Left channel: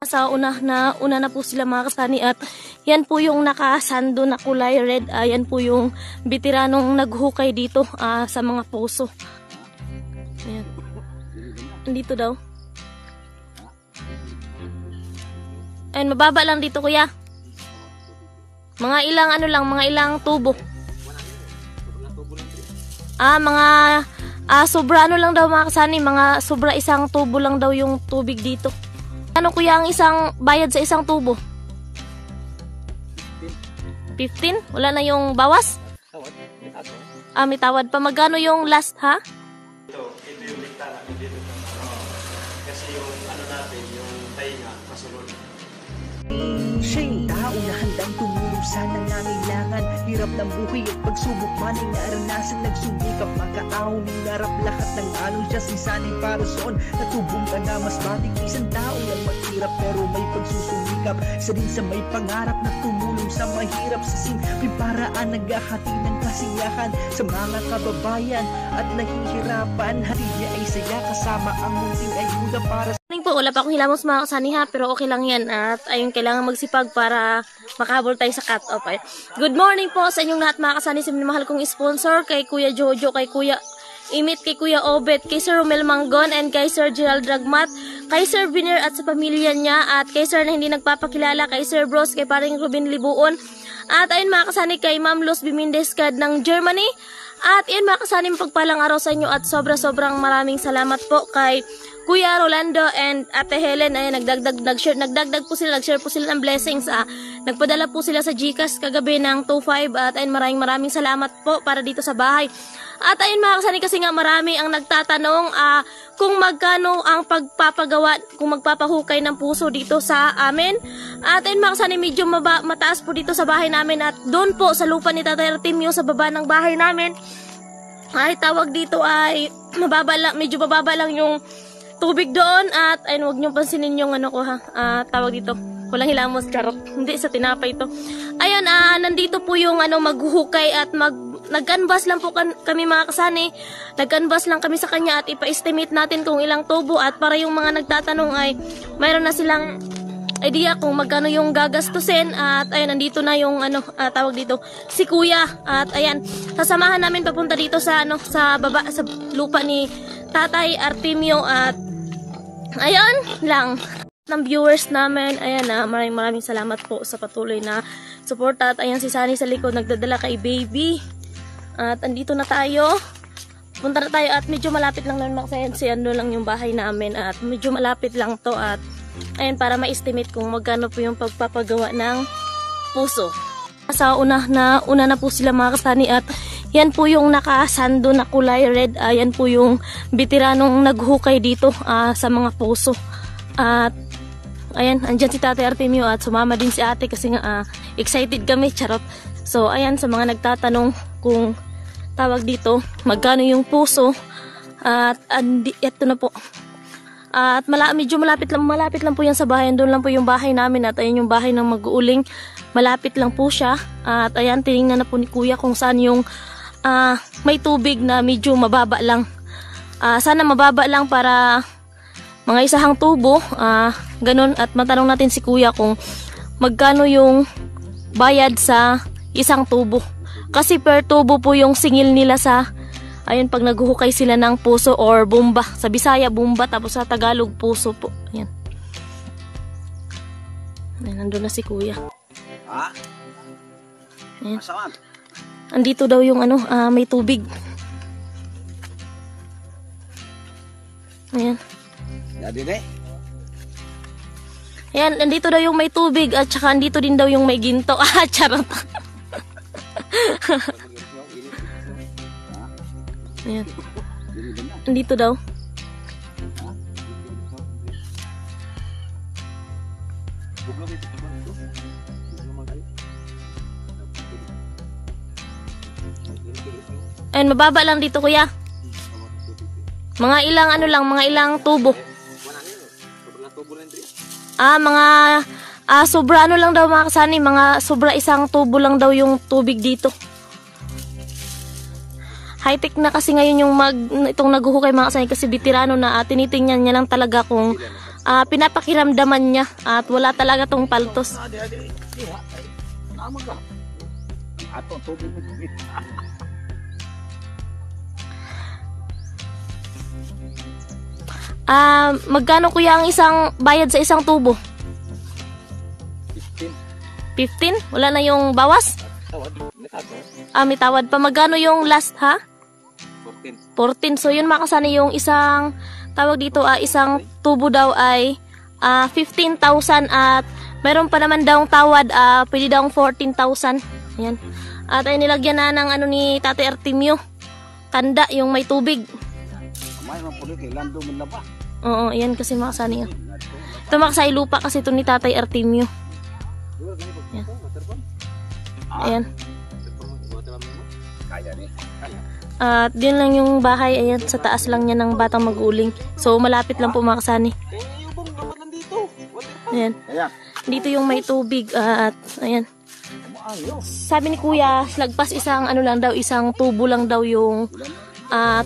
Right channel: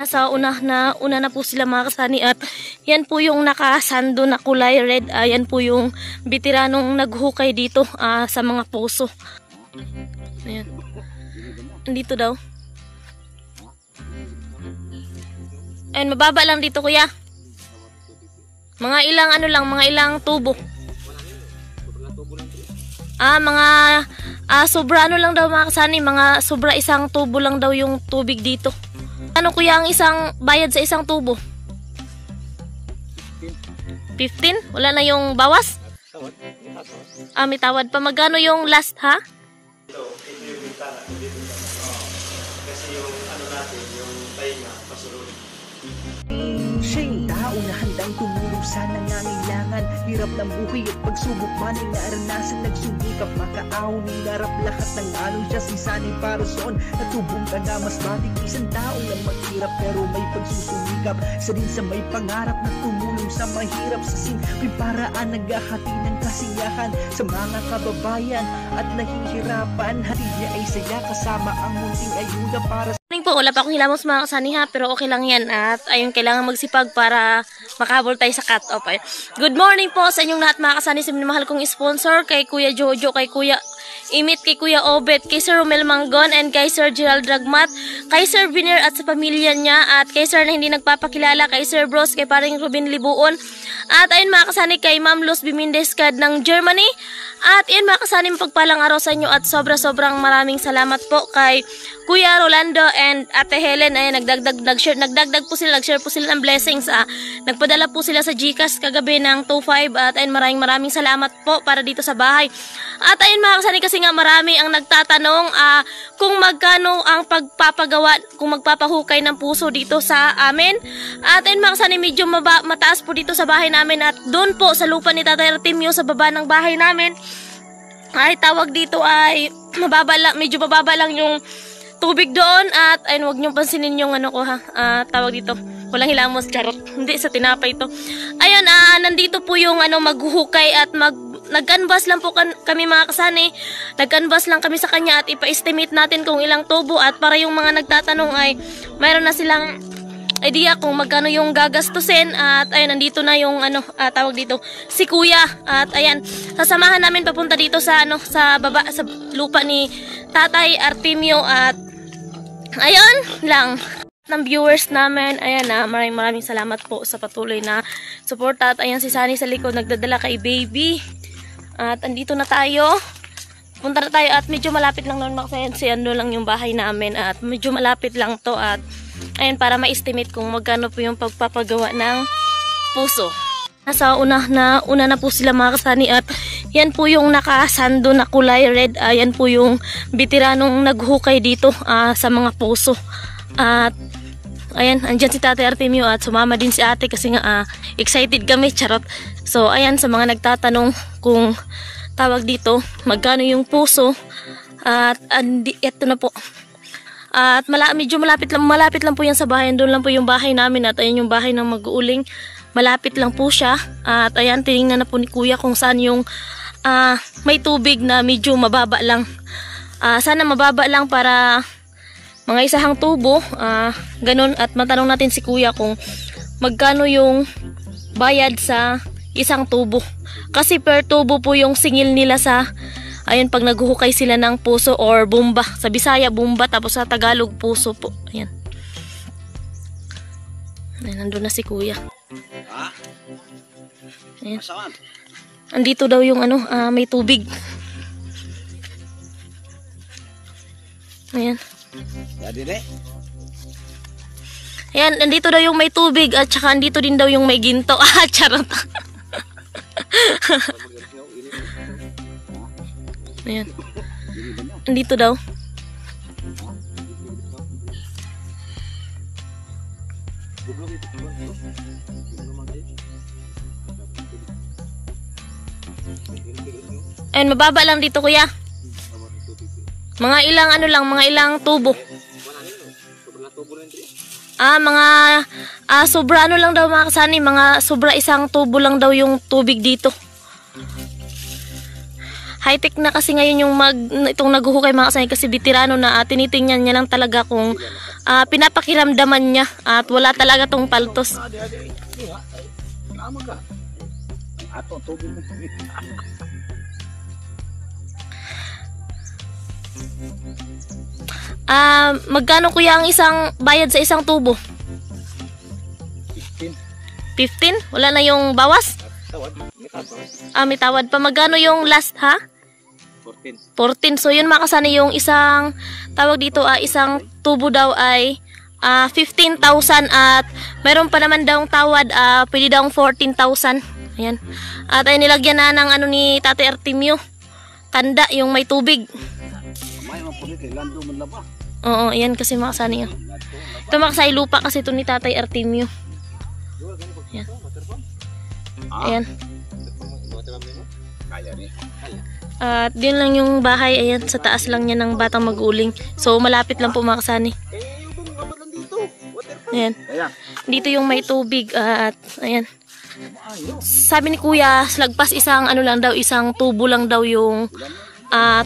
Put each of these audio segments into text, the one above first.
Sa una na po sila mga kasani at yan po yung nakasando na kulay red. Yan po yung veteranong naghukay dito sa mga puso. Ayan. Andito daw. Ayun, mababa lang dito kuya. Mga ilang mga ilang tubo. Sobra lang daw mga kasani, mga sobra isang tubo lang daw yung tubig dito. Ano kuya ang isang bayad sa isang tubo? 15? Wala na yung bawas? May tawad pa. Magkano yung last ha? Ito yung bintana. Kasi yung natin, yung tainga, masulod. Siya yung tao na handang tumulong sa nangangailangan. Hirap ng buhay at pagsubok man ay naranasan. Nagsumikap makaaon ng narap lahat ng alon siya sisanay para soon. Natubong ka na mas batik isang tao lang maghirap pero may pagsusumikap. Isa din sa may pangarap na tumulong sa mahirap. Sa simpleng paraan naghahati ng kasiyahan sa mga kababayan at nahihirapan. Hati niya ay saya kasama ang munting ayuda para po, wala pa akong hilamos mga kasani ha, pero okay lang yan at ayun, kailangan magsipag para makabol tayo sa cut-off. Good morning po sa inyong lahat mga kasani, sa minamahal kong sponsor, kay Kuya Jojo, kay Kuya Imit, kay Kuya Obet, kay Sir Romel Manggon, and kay Sir Gerald Dragmat, kay Sir Viner at sa pamilya niya, at kay Sir na hindi nagpapakilala, kay Sir Bros, kay paring Ruben Libuon, at ayun mga kasani kay Ma'am Luz Bimindeskad ng Germany. At yan mga kasani, pagpalang araw sa inyo at sobrang maraming salamat po kay Kuya Rolando and Ate Helen. Ay nagdagdag po sila, nag-share po sila ng blessings. Nagpadala po sila sa GCash kagabi ng 2.5 at ayun, maraming salamat po para dito sa bahay. At ayun mga kasani, kasi nga marami ang nagtatanong kung magkano ang pagpapagawa, kung magpapahukay ng puso dito sa amin. At ayun mga kasani, medyo mataas po dito sa bahay namin at doon po sa lupa ni Tatay Artemio sa baba ng bahay namin. Ay tawag dito ay medyo mababa lang yung tubig doon at ayun, wag niyo pansinin yung ko ha. Tawag dito, walang hilamos, charot. Hindi sa tinapay to. Ayun, nandito po yung maghuhukay at nag-canvas lang po kami mga kasani. Nag-canvas lang kami sa kanya at ipa-estimate natin kung ilang tubo at para yung mga nagtatanong ay mayroon na silang idea kung magkano yung gagastusin. At ayun, nandito na yung tawag dito si Kuya at ayan, sasamahan namin papunta dito sa sa baba sa lupa ni Tatay Artemio at ayun lang ng viewers namin. Ayan maraming salamat po sa patuloy na suporta. At ayan si Sunny sa likod nagdadala kay baby at andito na tayo, punta na tayo at medyo malapit lang naman kasi lang yung bahay namin at medyo malapit lang to at ayun, para ma-estimate kung magkano po yung pagpapagawa ng puso. Sa una na po sila mga kasani at yan po yung nakasando na kulay red. Yan po yung veteranong naghukay dito sa mga puso. At ayan, andyan si Tatay Artemio at sumama din si ate kasi nga excited kami, charot. So ayan, sa mga nagtatanong kung tawag dito magkano yung puso at ito na po. At medyo malapit lang po yan sa bahay. Doon lang po yung bahay namin at ayun yung bahay ng mag-uuling. Malapit lang po siya. At ayan, tinignan na po ni Kuya kung saan yung may tubig na medyo mababa lang. Sana mababa lang para mga isahang tubo. Ganun. At matanong natin si Kuya kung magkano yung bayad sa isang tubo. Kasi per tubo po yung singil nila sa ayun, pag naghuhukay sila ng puso or bomba. Sa Bisaya, bomba. Tapos sa Tagalog, puso po. Ayan. Ayan, nandun na si Kuya. Ayan. Andito daw yung may tubig. Ayan. Ayan, andito daw yung may tubig at saka andito din daw yung may ginto. Charot. Ayan. Andito daw. Ayun, mababa lang dito kuya. Mga ilang mga ilang tubo. Sobra lang daw mga kasani, mga sobra isang tubo lang daw yung tubig dito. High-tech na kasi ngayon yung itong naghuhukay mga kasani kasi veterano na tinitingnan niya lang talaga kung pinapakiramdaman niya at wala talaga tong paltos. Magkano kuya ang isang bayad sa isang tubo? 15? Wala na yung bawas? May tawad pa. Magkano yung last, ha? 14. So yun mga kasani, yung isang tawag dito, isang tubo daw ay 15,000 at meron pa naman daw tawad, pwede daw 14,000. Ayan. At ay nilagyan na ng ano ni Tate Artemio, tanda yung may tubig. Oo, ayan kasi mga kasani. Ito mga kasani, lupa kasi ito ni Tatay Artemio. Ayan. Ayan. At yun lang yung bahay, ayan, sa taas lang niya ng Batang Maguling. So malapit lang po mga kasani. Ayan. Dito yung may tubig at ayan. Sabi ni Kuya, lagpas isang ano lang daw, isang tubo lang daw yung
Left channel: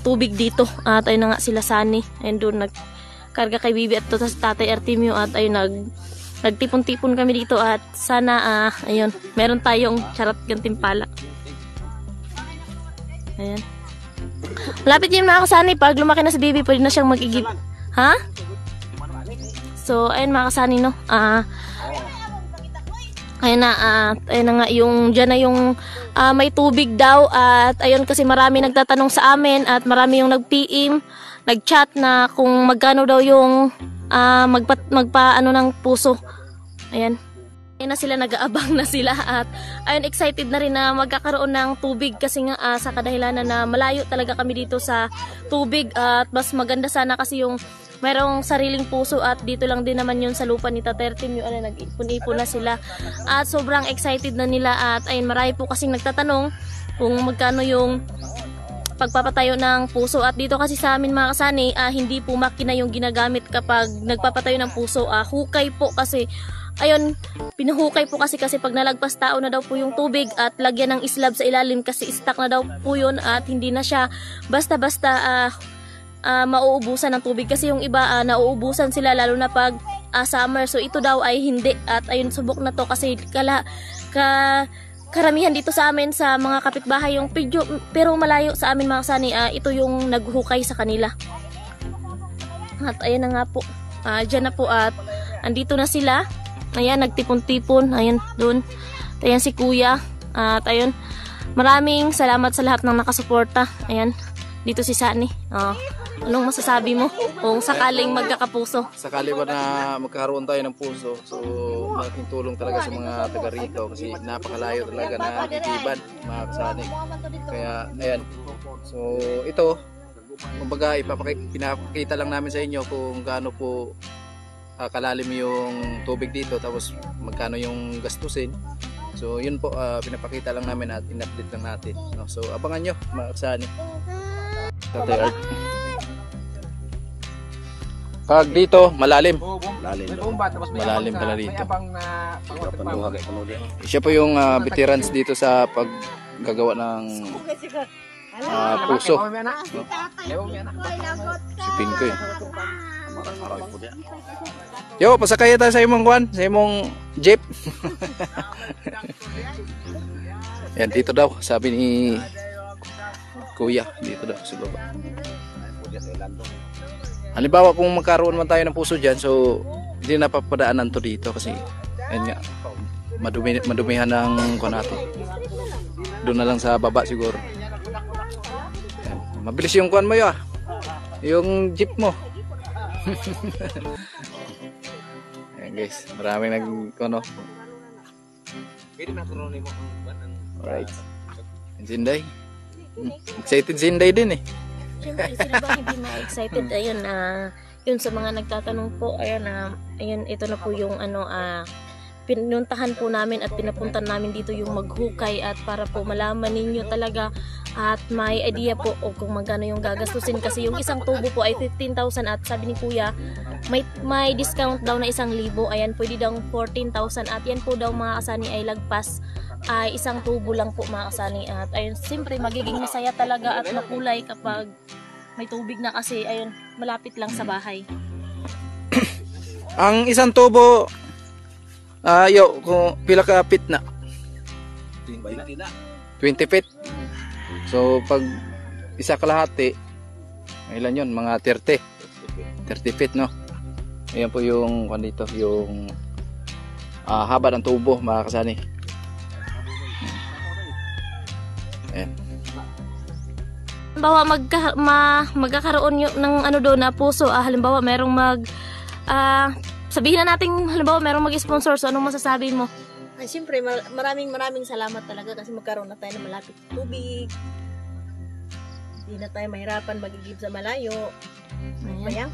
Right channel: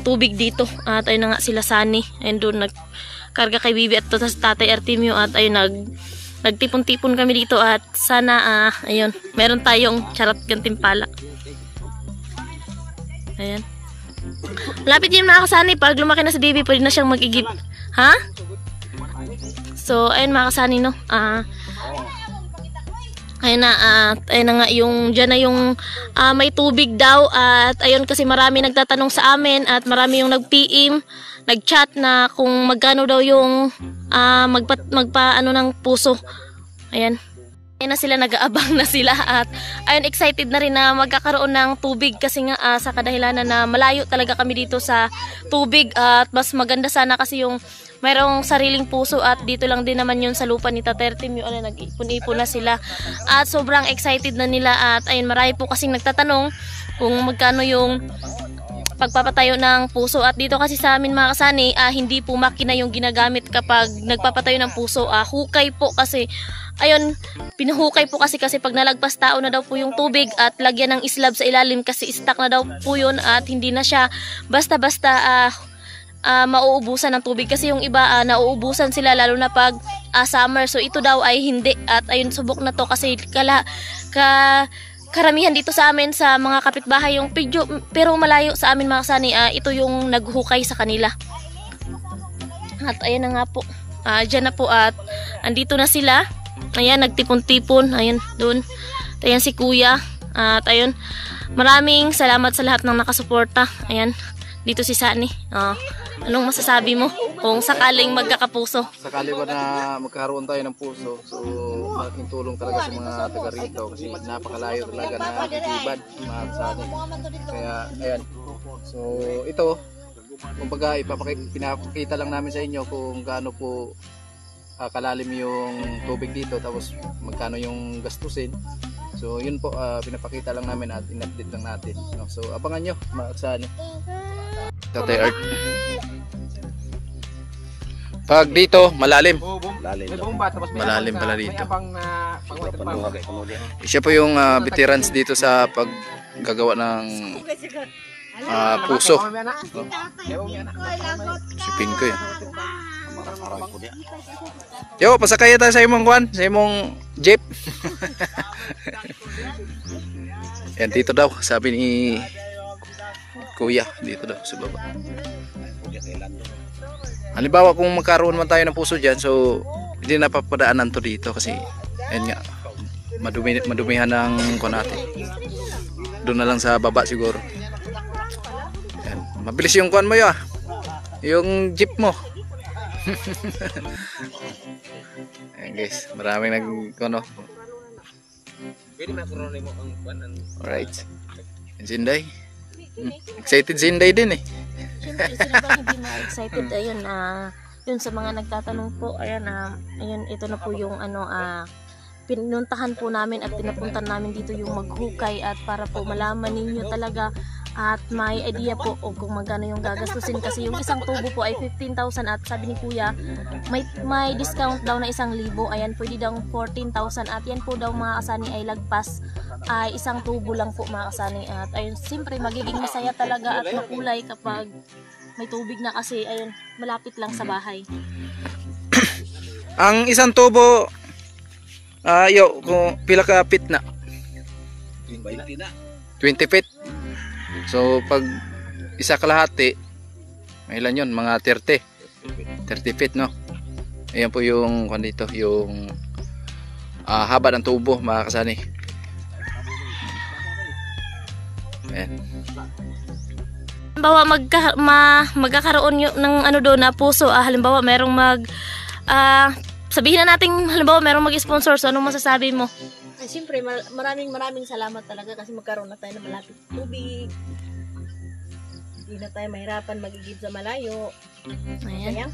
tubig dito. At ayun na nga sila Sani. Ayun doon nagkarga kay Bibi at sa Tatay Artemio at ayun nagtipon-tipon kami dito at sana ayun, meron tayong charot gantimpala. Ayan. Malapit yun mga kasani, pag lumaki na si Bibi pwede na siyang mag-igib. Ha? So ayun mga kasani, no. Ayun na nga yung dyan na yung may tubig daw at ayun kasi marami nagtatanong sa amin at marami yung nag-PM, nag-chat na kung magkano daw yung magpa-ano ng puso. Ayan. Ayan na sila, nag-aabang na sila at ayun, excited na rin na magkakaroon ng tubig kasi nga sa kadahilanan na malayo talaga kami dito sa tubig at mas maganda sana kasi yung mayroong sariling puso at dito lang din naman yun sa lupa ni Tatay Artemio. Nag-ipon-ipon na sila at sobrang excited na nila at ayun, marami po kasing nagtatanong kung magkano yung pagpapatayo ng puso at dito kasi sa amin mga kasani, hindi po makina yung ginagamit kapag nagpapatayo ng puso, hukay po kasi ayun, pinuhukay po kasi pag nalagpas tao na daw po yung tubig at lagyan ng islab sa ilalim kasi stuck na daw po yun at hindi na siya basta-basta mauubusan ng tubig kasi yung iba nauubusan sila lalo na pag summer. So ito daw ay hindi at ayun, subok na to kasi karamihan dito sa amin sa mga kapitbahay yung pero malayo sa amin mga kasani, ito yung naghukay sa kanila. At ayan na nga po, dyan na po at andito na sila. Ayan, nagtipon-tipon. Ayan, doon. Ayan si Kuya. At ayun, maraming salamat sa lahat ng nakasuporta. Ayan, dito si Sani. Anong masasabi mo kung sakaling magkakapuso? Sakali ba na magkaroon tayo ng puso, so malaking tulong talaga sa mga taga rito kasi napakalayo talaga na ibad mga kasani. Kaya ayan, so ito kumbaga pinapakita lang namin sa inyo kung gaano po kalalim yung tubig dito tapos magkano yung gastusin. So yun po, pinapakita lang namin at in-update lang natin. So abangan nyo mga kasani. Tatay Art. Pag dito, malalim. Malalim pala dito. Siya po yung veterans dito sa paggagawa ng puso. Sipin ko yun. Yo, pasakaya tayo sa imong kwan, sa imong jeep. Yan, dito daw, sabi ni Kuya, dito daw sa baba. Halimbawa kung magkaroon man tayo ng puso dyan, so hindi na papadaanan to dito kasi ayun nga, madumihan ng kwan natin. Doon na lang sa baba siguro. Yan. Mabilis yung kwan mo ya, yung jeep mo. Ayan guys, maraming nag-kono. Alright. Zinday. Excited Zinday din eh. Siyempre, sila ba hindi ma-excited? Ayun, yun sa mga nagtatanong po, ayan, ayun, ito na po yung pinuntahan po namin at pinapuntan namin dito yung maghukay at para po malaman ninyo talaga at may idea po o kung magkano yung gagastusin kasi yung isang tubo po ay 15,000 at sabi ni Kuya may discount daw na 1,000. Ayan, pwede daw 14,000 at yan po daw mga kasani ay lagpas ay isang tubo lang po mga kasani at ayun, siyempre magiging masaya talaga at makulay kapag may tubig na kasi ayun, malapit lang sa bahay. Ang isang tubo, kung pila ka feet na? 20 feet. So pag isa kalahati, ilan yun? Mga 30 feet, no? Ayan po yung dito, yung haba ng tubo, mga kasani. Ayan. Halimbawa magkakaroon ng ano doon na puso, halimbawa merong sabihin na natin halimbawa merong mag-sponsor, so anong masasabi mo? Ay, siyempre, maraming salamat talaga kasi magkaroon na tayo ng malapit tubig. Hindi na tayo mahirapan magigib sa malayo. Ayan.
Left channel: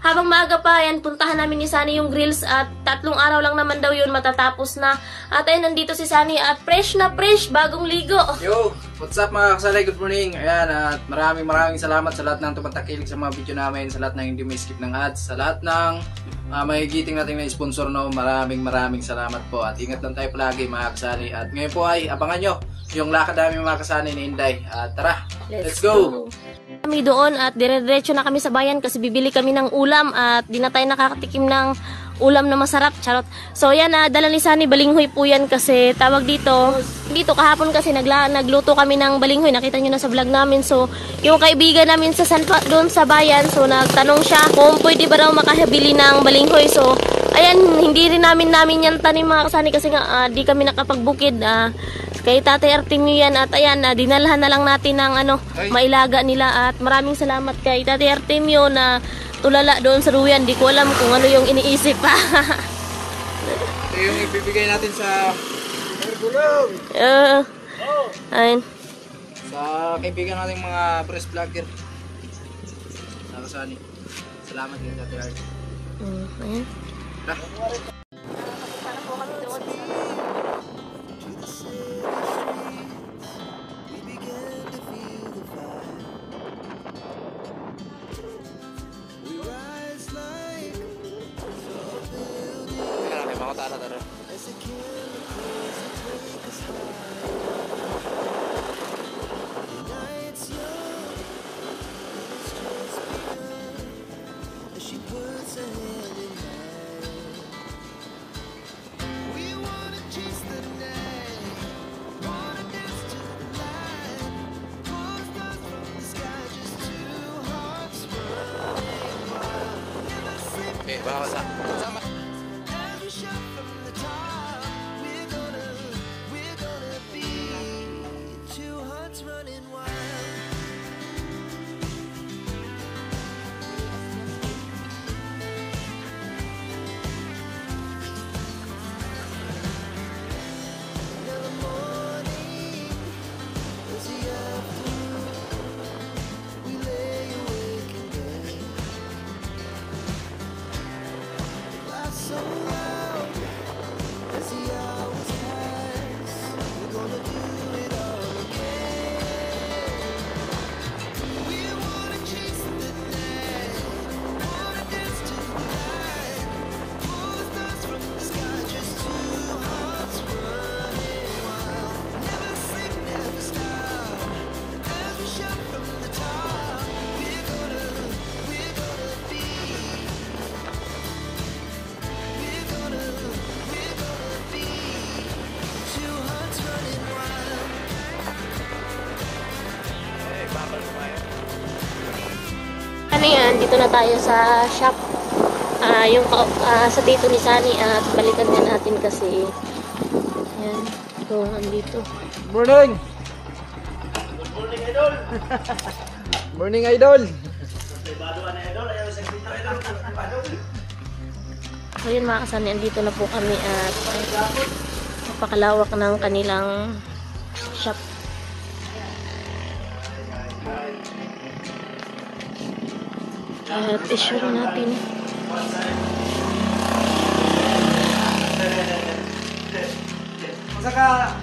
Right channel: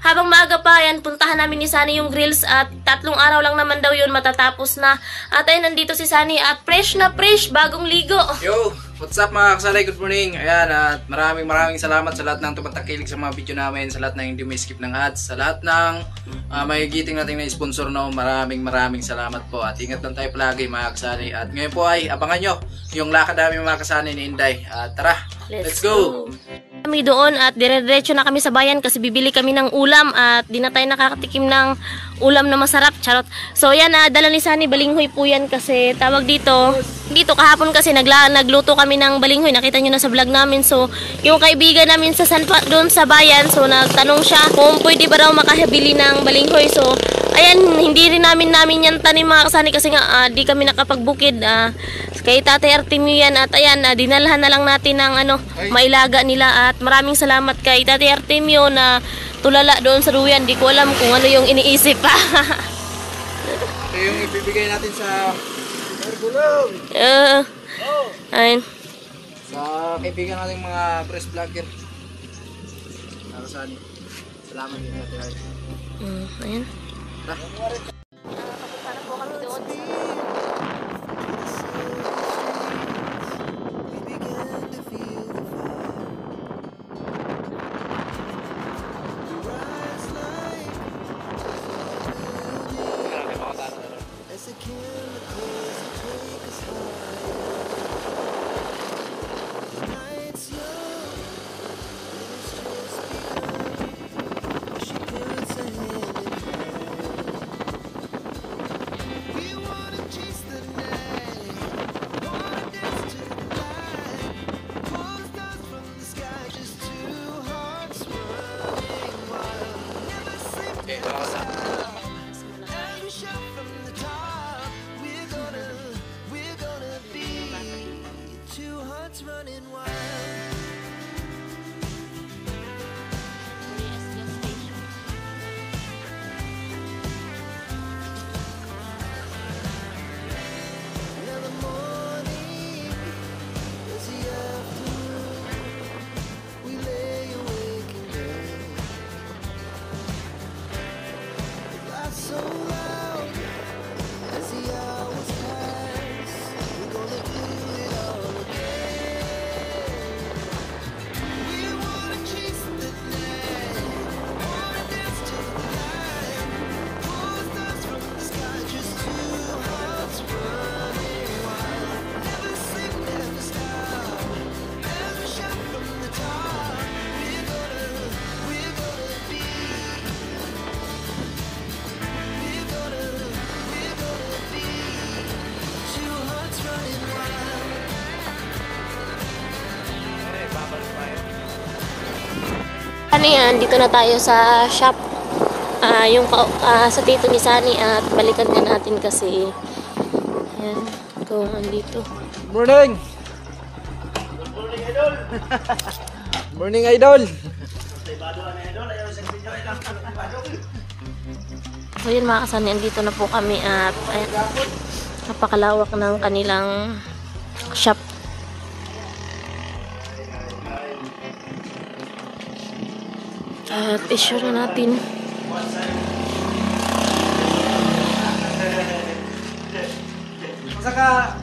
Habang maaga pa yan, puntahan namin ni Sunny yung grills at 3 araw lang naman daw yun matatapos na. At ayun, nandito si Sunny at fresh na fresh, bagong ligo. Yo, what's up mga kasanay? Good morning. Ayan, at maraming salamat sa lahat ng tumatakilig sa mga video namin, sa lahat ng hindi may skip ng ads, sa lahat ng may giting natin na sponsor, no. Maraming salamat po at ingat lang tayo palagi mga kasali. At ngayon po ay abangan nyo yung lakad namin mga kasali ni Inday. At tara, let's go! Kami doon at dire-diretso na kami sa bayan kasi bibili kami ng ulam at di na tayo nakakatikim ng ulam na masarap. Charot. So yan, dala ni Sunny, balinghoy po yan kasi tawag dito kahapon kasi nagluto kami ng balinghoy, nakita nyo na sa vlog namin. So yung kaibigan namin sa doon sa bayan, so nagtanong siya kung pwede ba raw makabili ng balinghoy. So ayan, hindi rin namin yan tanim mga kasani kasi nga di kami nakapagbukid. Kay Tatay Artemio yan at ayan, dinalhan na lang natin ng mailaga nila at maraming salamat kay Tatay Artemio na tulala doon sa Ruyan. Di ko alam kung ano yung iniisip pa. Ito yung ibibigay natin sa ayun. sa kaibigan nating mga press vlogger. Kasali. Salamat din sa Tatay. Ayun. Ano yan, dito na tayo sa shop. Sa dito ni Sunny at balikan na natin kasi yan, kung andito. Morning! Morning, Idol! So yun mga kasani, andito na po kami at napakalawak ng kanilang shop. At isure natin. Saka,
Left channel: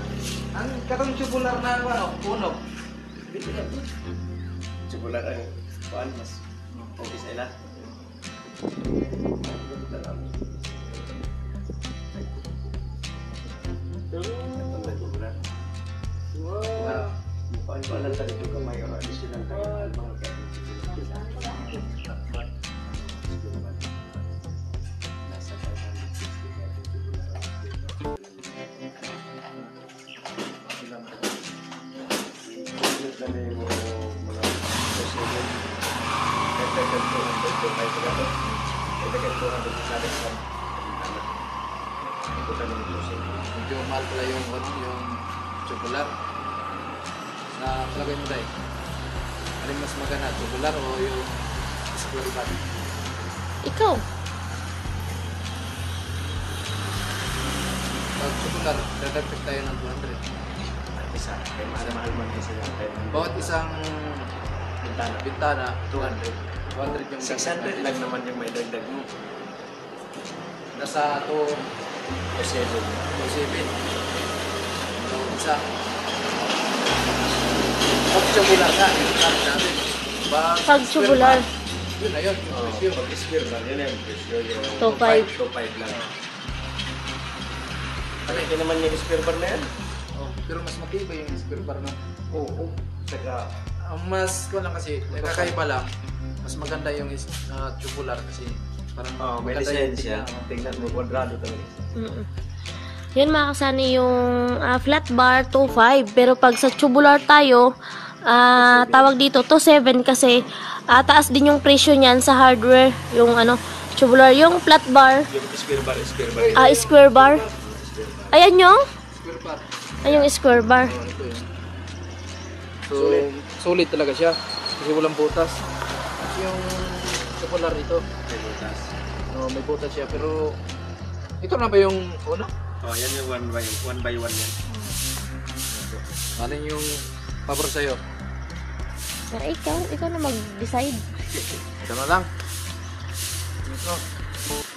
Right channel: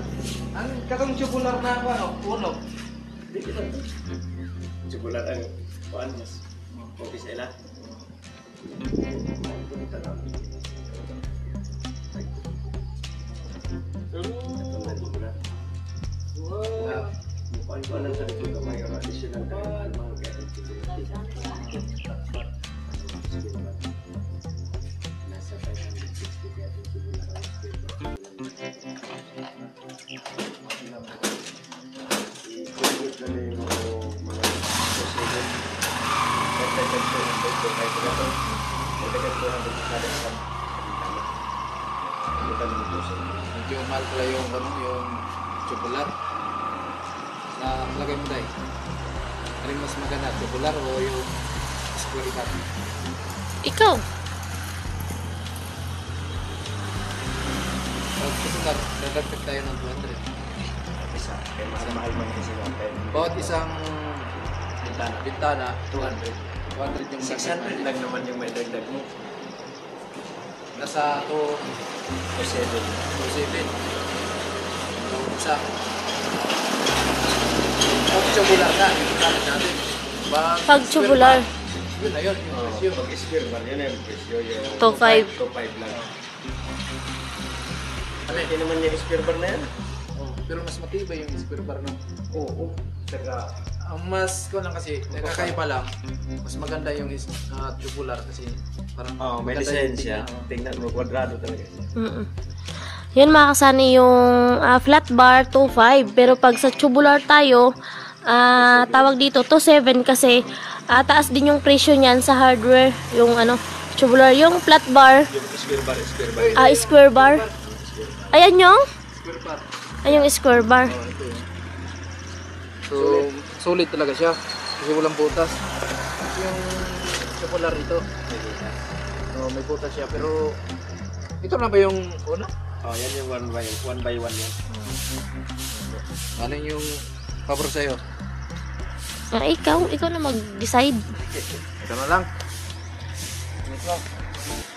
ang katong tubular na uno. Tubular ay kuan mas okay sa ila. may pagkato. Pagkato 200 sa atin sa kita ng puso. Medyo mahal pala yung tubular. Na palagay mo tayo. Ano mas maganda, tubular o yung square part? Ikaw. Pag tubular, dadagdag tayo ng 200. Isa. Kaya mas mahal man kasi natin. Bawat isang bintana 200. 200 yung 600 lang naman yung may dagdag mo. Nasa 2 O 7. 7. Isa. Pag tubular na, bintana natin. Pag tubular. Yun na yun. Pag-square bar, yun yung presyo. 2.5. 2.5 lang. Ano, hindi naman yung square bar na yan? Oh, pero mas matibay yung square bar nun. Oo. Saka, Ang mas lang kasi, nakakaiba lang. Mas maganda yung tubular kasi parang may maganda design yung siya. Tingnan mo, kwadrado talaga. Yan mga kasani yung flat bar 2.5. Pero pag sa tubular tayo, tawag dito 2.7 kasi taas din yung presyo niyan sa hardware. Yung tubular, yung flat bar, Yung square bar. square bar. Ayan yung, square bar. yung square bar. So, ito yun. So, solid talaga siya. Kasi walang butas. Yung tubular ito, may butas siya. Pero, ito na ba yung uno? Oh, yan yung one by one yan. Ano yung pabor sa'yo? Ikaw na mag-decide. Ito na lang. Ito.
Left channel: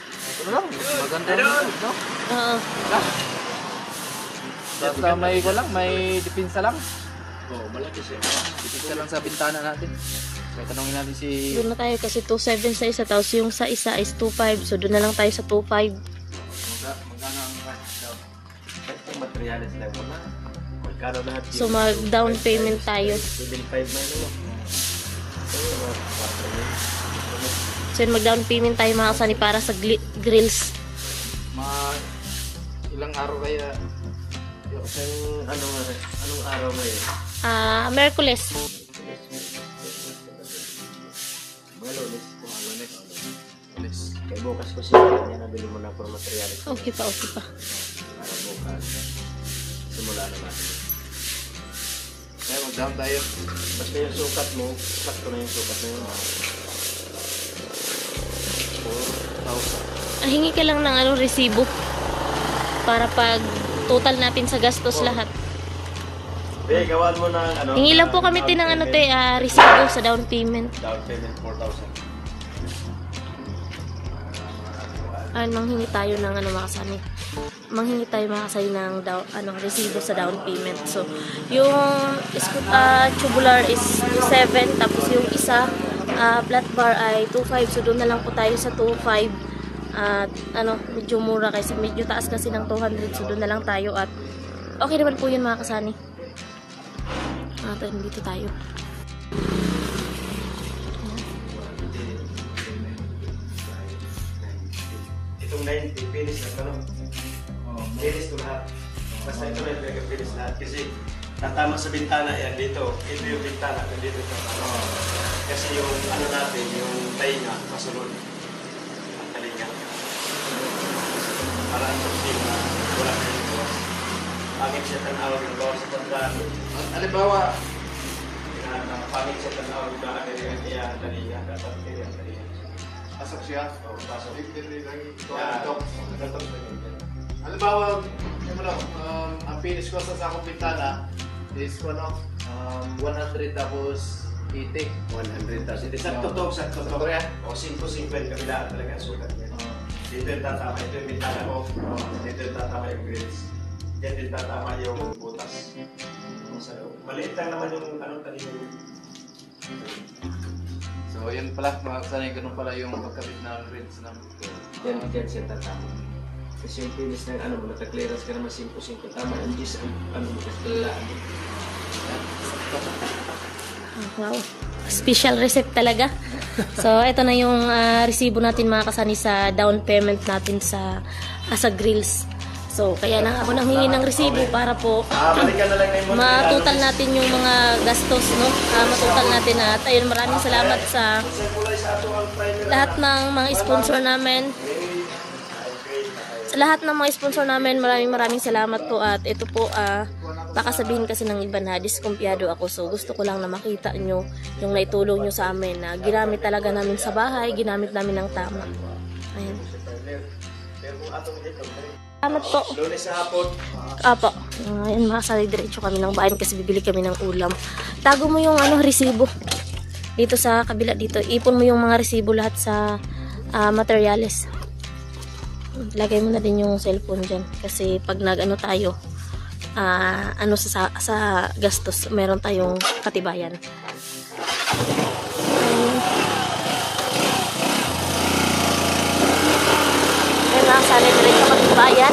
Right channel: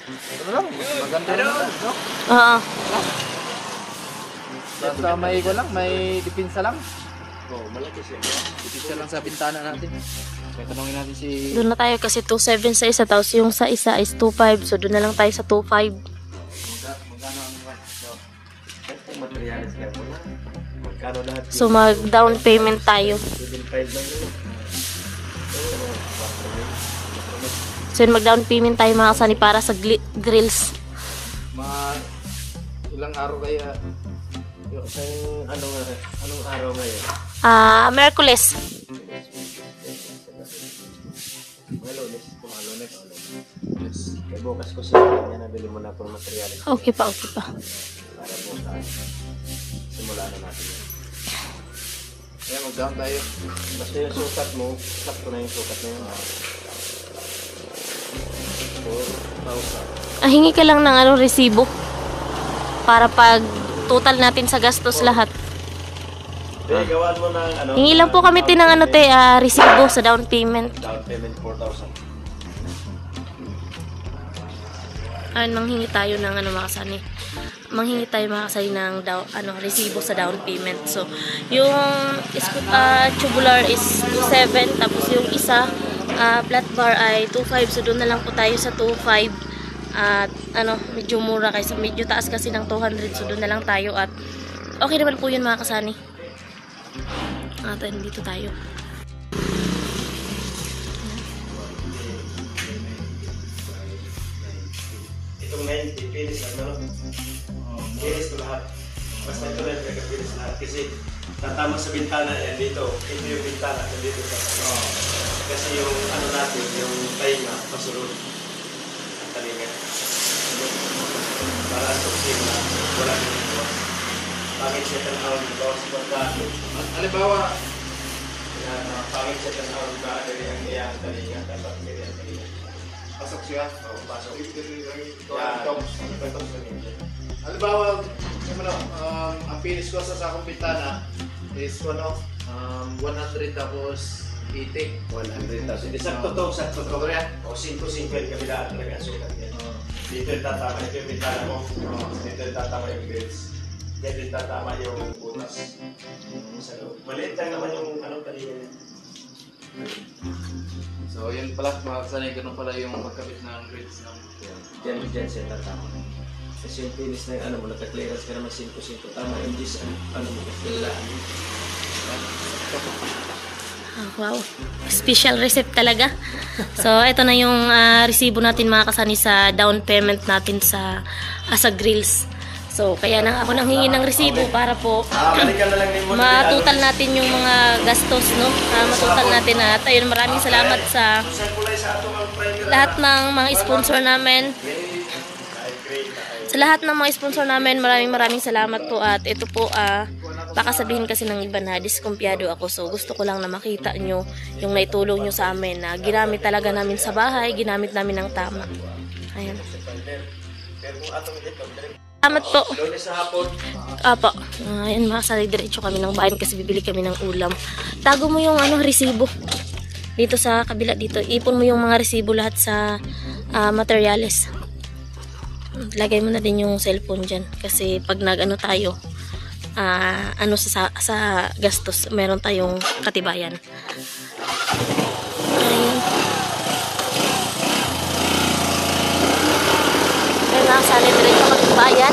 Ito na lang. Maganda naman, no? Basta may depensa lang. Oo, malaki siya. Depensa lang sa bintana natin. So, tanongin natin si... Doon na tayo kasi 2.7 sa isa, tapos yung sa isa is 2.5. So, doon na lang tayo sa 2.5. Magkano ang... Ang materialis level na. Magkano lahat? So, mag-down payment tayo. 7.5 lang yun. So, yun, mag-down payment tayo mga kasani para sa grills. Ilang araw kaya? Anong araw ngayon? Merkules. Lunes. Kaya bukas ko siya. Kanya nabili mo na po materialis. Okay pa. Para bukas. Simula na natin. Kaya mag-down tayo. Basta yung sukat mo, sakto na yung sukat na yun. 4,000. Hingi ka lang ng resibo. Para pag total natin sa gastos lahat. Gawaan mo ng Hingi lang po kami ng resibo sa down payment. down payment 4,000. Manghingi tayo ng mga kasani. Manghingi tayo mga kasani ng resibo sa down payment. So, yung tubular is 2.7, tapos yung isa flat bar ay 2.5. So, doon na lang po tayo sa 2.5. At medyo mura kaysa medyo taas kasi ng 200. So, doon na lang tayo at okay naman po yun mga kasani. Dito tayo. Itong 90, finish na naman. Finish ko lahat. Basta ito lang finish lahat. Kasi tatama sa bintana yan dito. Ito yung bintana. Dito sa kasi yung natin, yung tainga, masunod. Ang talinga. Para ang toxin na wala dito. Pangit siya tanawag na bawas sa kontrado. Halimbawa, Pangit siya tanawag na kaya ang talinga. pasok siya. Pasok. Halimbawa, ang finish ko sa sakong bintana is 100 tapos 80. 100 tapos hindi sakto to, sakto to. O 5-5 yung kabilaan talaga sukat yan. Dito yung tatama, ito yung bintana mo. Dito yung tatama yung grills. Dito yung tatama yung butas. Maliit lang naman yung kanina. So, yun pala, mga kasanay, ganun pala yung magkabit ng grills ng... Yan siya tatama. Kasi yung finish na mo, naka-clearance ka naman 5-5 tama. Yung gis, mo kakilaan. Wow. Special receipt talaga. So, ito na yung resibo natin mga kasani sa down payment natin sa grills. So, kaya na ako nanghingi ng resibo para po Balikan na lang yung matutal natin yung mga gastos, no? Matutal natin at ayun, maraming salamat sa lahat ng mga sponsor namin. Sa lahat ng mga sponsor namin, maraming salamat po. At ito po, baka sabihin kasi ng iba na diskumpiyado ako. So gusto ko lang na makita nyo yung naitulong nyo sa amin na ginamit talaga namin sa bahay, ginamit namin ng tama. Ayan. Salamat po. Apo. Ayan, makasali diretso kami ng bayan kasi bibili kami ng ulam. Tago mo yung resibo. Dito sa kabila dito. Ipon mo yung mga resibo lahat sa materials. Lagay mo na din yung cellphone dyan. Kasi pag nag-ano tayo, sa gastos, meron tayong katibayan. Ayan. Ayan, nakasali diretso kami ng bayan.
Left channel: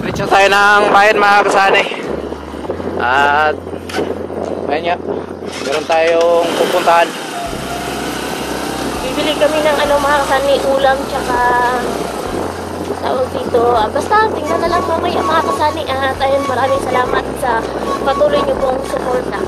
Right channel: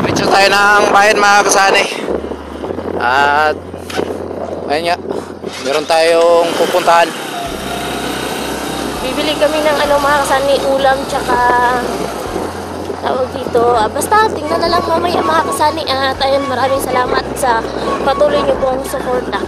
Diretso tayo ng bayan mga kasanay. At ayan nga, meron tayong pupuntahan. Bibili kami ng mga kasani, ulam, tsaka tawag dito. Basta tingnan na lang mamaya mga kasani. At ayun, maraming salamat sa patuloy niyo pong suporta.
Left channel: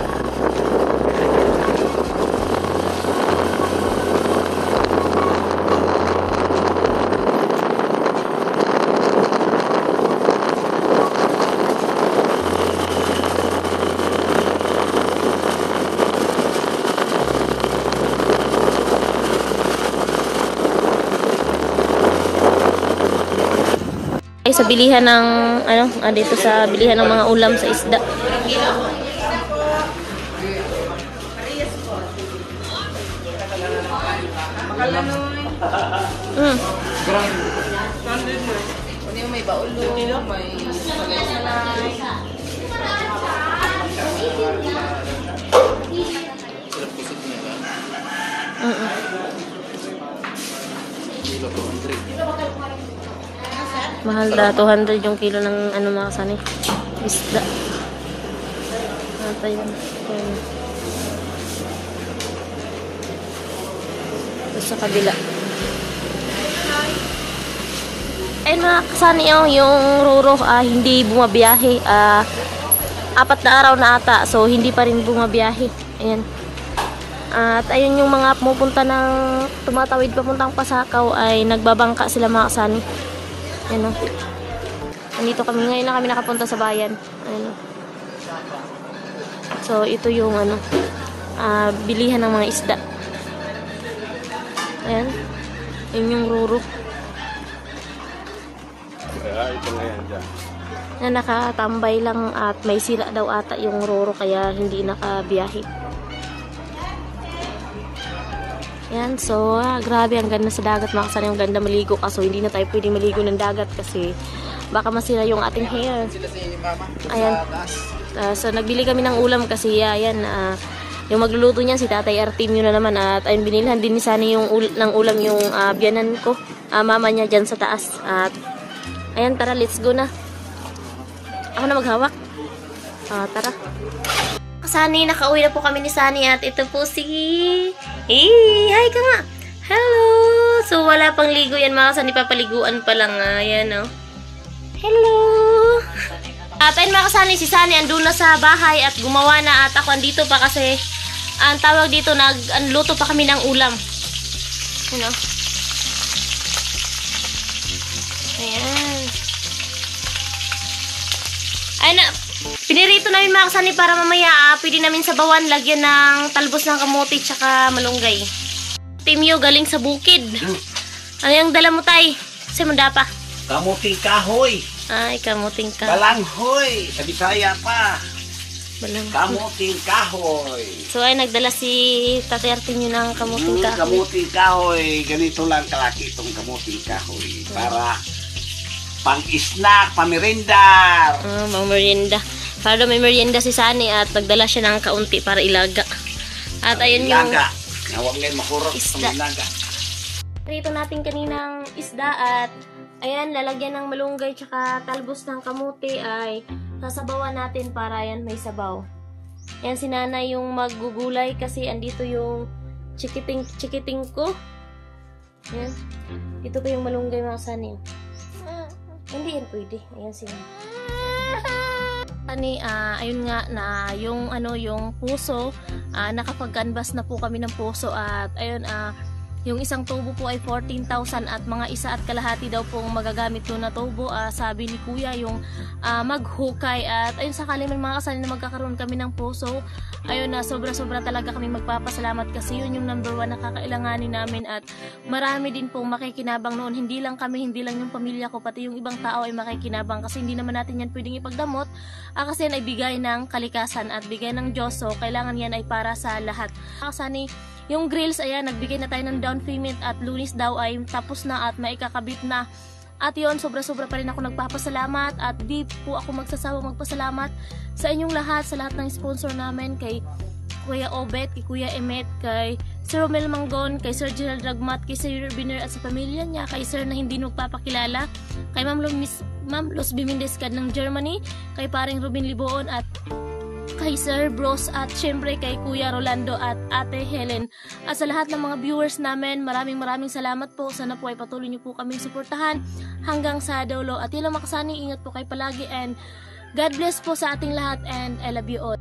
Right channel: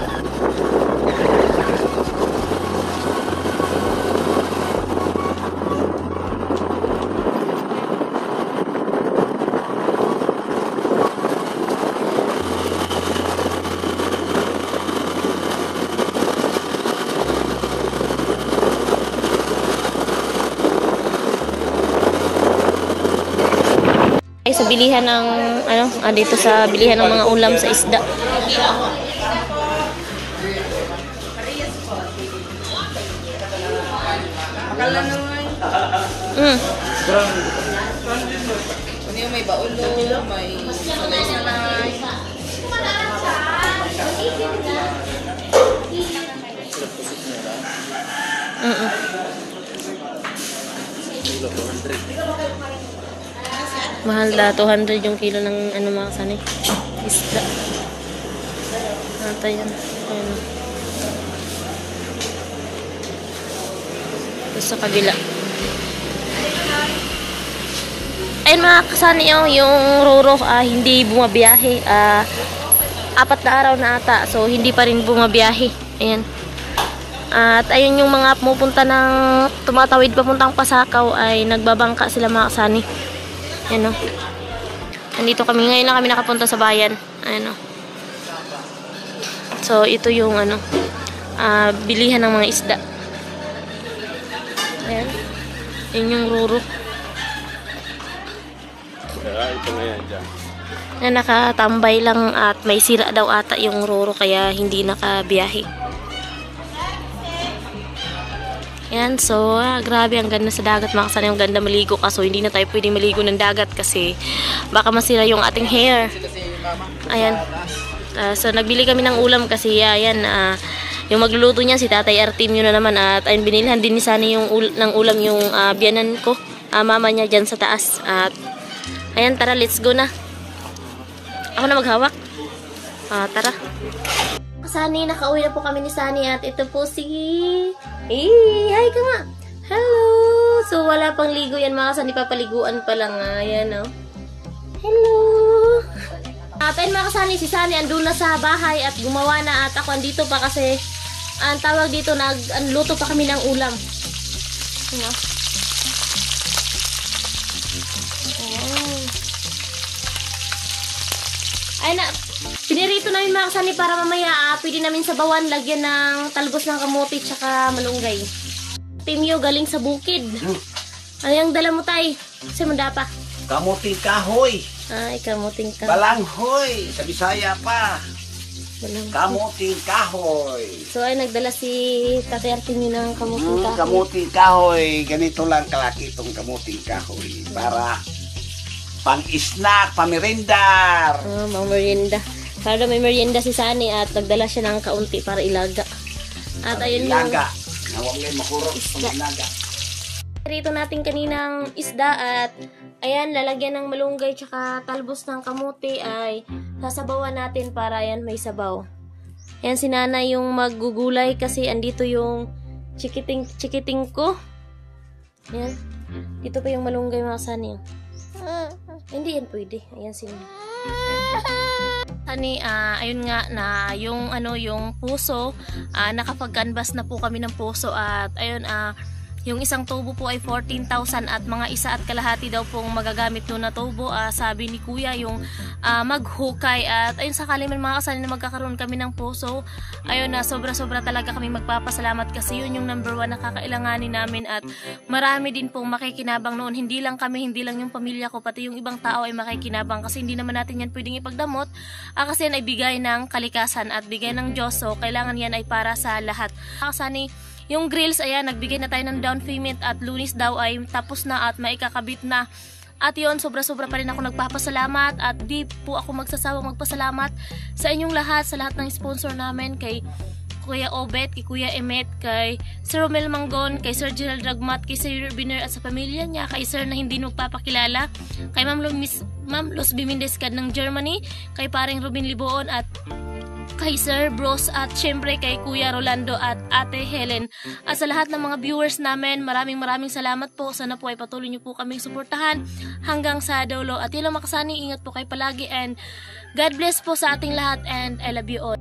Sa bilihan ng dito sa bilihan ng mga ulam sa isda. Hindi may baulo, may salay. Mahal na 200 yung kilo ng mga kasani isda. Ito yun. Ito sa kabila. Ayun mga kasani, yung Roro hindi bumabiyahe. 4 na araw na ata, so hindi pa rin bumabiyahe. Ayan. At ayun, yung mga pumupunta ng tumatawid papuntang Pasakaw ay nagbabangka sila mga kasani. Ayan o. Nandito kami. Ngayon na kami nakapunta sa bayan. Ayan o. So, ito yung bilihan ng mga isda. Ayan. Yun yung Ruro. Ito nga yan dyan. Na nakatambay lang at may sira daw ata yung Ruro kaya hindi nakabiyahe. Yan, so grabe, ang ganda sa dagat mga kasani, ang ganda maligo, kaso hindi na tayo pwedeng maligo ng dagat kasi baka masira yung ating hair. Ayan, so nagbili kami ng ulam kasi ayan, yung magluluto niya si Tatay Artim yun na naman. At ayun, binilhan din ni Sunny yung ng ulam yung biyanan ko, mama niya dyan sa taas. At ayan, tara, let's go na. Ako na maghawak. Tara. Sunny, nakauwi na po kami ni Sunny at ito po si... hi ka nga! Hello! So, wala pang ligo yan mga kasani, papaliguan pa lang nga. Ayan, oh. Hello! At ayun mga kasani, si Sunny andun na sa bahay at gumawa na at ako andito pa kasi ang tawag dito, nagluto pa kami ng ulam. You know? Ayan. Ay na, pinirito namin mga kasani para mamaya pwede namin sabawan, lagyan ng talbos ng kamote tsaka malunggay. Timyo galing sa bukid. Ano yung dala mo, tay? Sa'yo mo dapa? Kamuting kahoy. Ay, kamuting ka. Balanghoy. Sa Bisaya pa. Balang. Kamuting kahoy. So ay nagdala si Tatay Artin ng kamuting kahoy. Kamuting kahoy. Ganito lang kalaki itong kamuting kahoy. Para pang-snack, pamirindar. Mga merienda. Para may merienda si Sunny at nagdala siya ng kaunti para ilaga. At ayun yung Naga. Nawangin makurot isda. ng naga. Rito natin kaninang isda at ayan, lalagyan ng malunggay tsaka talbos ng kamote ay sasabawan natin para ayan may sabaw. Ayan, si Nana yung maggugulay kasi andito yung chikiting ko. Ayan. Dito pa yung malunggay mga kasani. Hindi yan pwede. Ayan sila. Tani, ayun nga na yung yung puso, nakapag-canvas na po kami ng puso at ayun yung isang tubo po ay 14,000 at mga 1.5 daw pong magagamit doon na tubo. Sabi ni Kuya yung maghukay at ayun sakali man mga kasali na magkakaroon kami ng puso. Ayun na sobra-sobra talaga kami magpapasalamat kasi yun yung number 1 na kakailanganin namin at marami din pong makikinabang noon. Hindi lang kami, hindi lang yung pamilya ko, pati yung ibang tao ay makikinabang kasi hindi naman natin yan pwedeng ipagdamot kasi yan ay bigay ng kalikasan at bigay ng Diyos, so kailangan yan ay para sa lahat. Kasani yung grills, ayan, nagbigay na tayo ng down payment at Lunes daw ay tapos na at maikakabit na. At yun, sobra-sobra pa rin ako nagpapasalamat at di po ako magsasawang magpasalamat sa inyong lahat, sa lahat ng sponsor namin, kay Kuya Obet, kay Kuya Emet, kay Sir Romel Manggon, kay Sir Gerald Ragmat, kay Sir Biner at sa pamilya niya, kay Sir na hindi nagpapakilala, kay Ma'am Luz Bimindescad ng Germany, kay paring Ruben Liboon at kay Sir Bros at syempre kay Kuya Rolando at Ate Helen at sa lahat ng mga viewers namin, maraming salamat po. Sana po ay patuloy niyo po kaming suportahan hanggang sa dulo at yun lang mga kasani, ingat po kayo palagi and God bless po sa ating lahat and I love you all.